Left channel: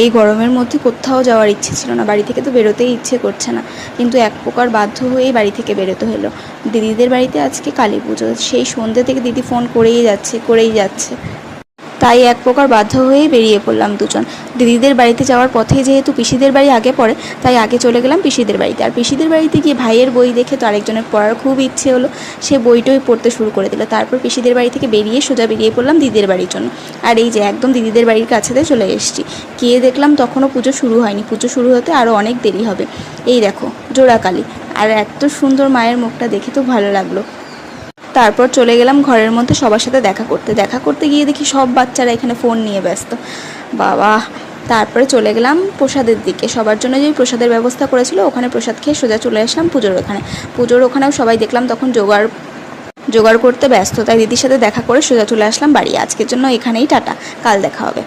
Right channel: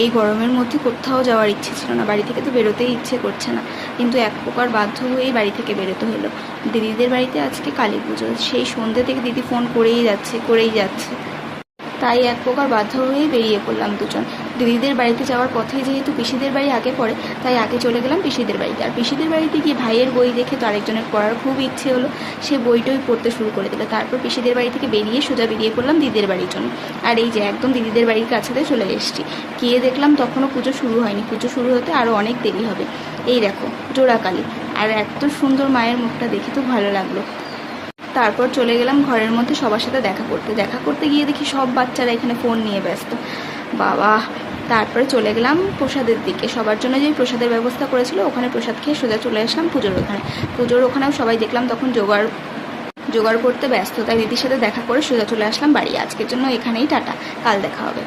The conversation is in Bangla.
এই গরমের মধ্যে কোথাও যাওয়ার ইচ্ছে ছিল না, বাড়ি থেকে তো বেরোতেই ইচ্ছে করছে না, কিন্তু এক প্রকার বাধ্য হয়েই বাড়ি থেকে বেরোতে হলো। দিদিদের বাড়িতে আজকে কালী পুজো, সেই সন্ধ্যে থেকে দিদি ফোন করেই যাচ্ছে। তাই এক প্রকার বাধ্য হয়েই বেরিয়ে পড়লাম দুজন। দিদিদের বাড়িতে যাওয়ার পথেই যেহেতু পিসিদের বাড়ি আগে পড়ে, তাই আগে চলে গেলাম পিসিদের বাড়িতে। আর পিসিদের বাড়িতে গিয়ে ভাইয়ের বই দেখে তো আরেকজনের পড়ার খুব ইচ্ছে হলো, সে বইটই পড়তে শুরু করে দিল। তারপর পিসিদের বাড়ি থেকে সোজা বেরিয়ে পড়লাম দিদিদের বাড়ির জন্য। আর এই যে একদম দিদিদের বাড়ির কাছেতে চলে এসেছি। গিয়ে দেখলাম তখনও পুজো শুরু হয়নি, পুজো শুরু হতে আরও অনেক দেরি হবে। এই দেখো জোড়াকালী, আর এত সুন্দর মায়ের মুখটা দেখে তো ভালো লাগলো। তারপর চলে গেলাম ঘরের মধ্যে সবার সাথে দেখা করতে গিয়ে দেখি সব বাচ্চারা এখানে ফোন নিয়ে ব্যস্ত, বাবা। তারপরে চলে গেলাম প্রসাদের দিকে, সবার জন্য যে প্রসাদের ব্যবস্থা করেছিল ওখানে প্রসাদ খেয়ে সোজা চলে আসলাম পুজোর ওখানেও সবাই দেখলাম তখন জোগাড় করতে ব্যস্ত, তাই দিদির সাথে দেখা করে সোজা চলে আসলাম বাড়ি। আজকের জন্য এখানেই টাটা, কাল দেখা হবে।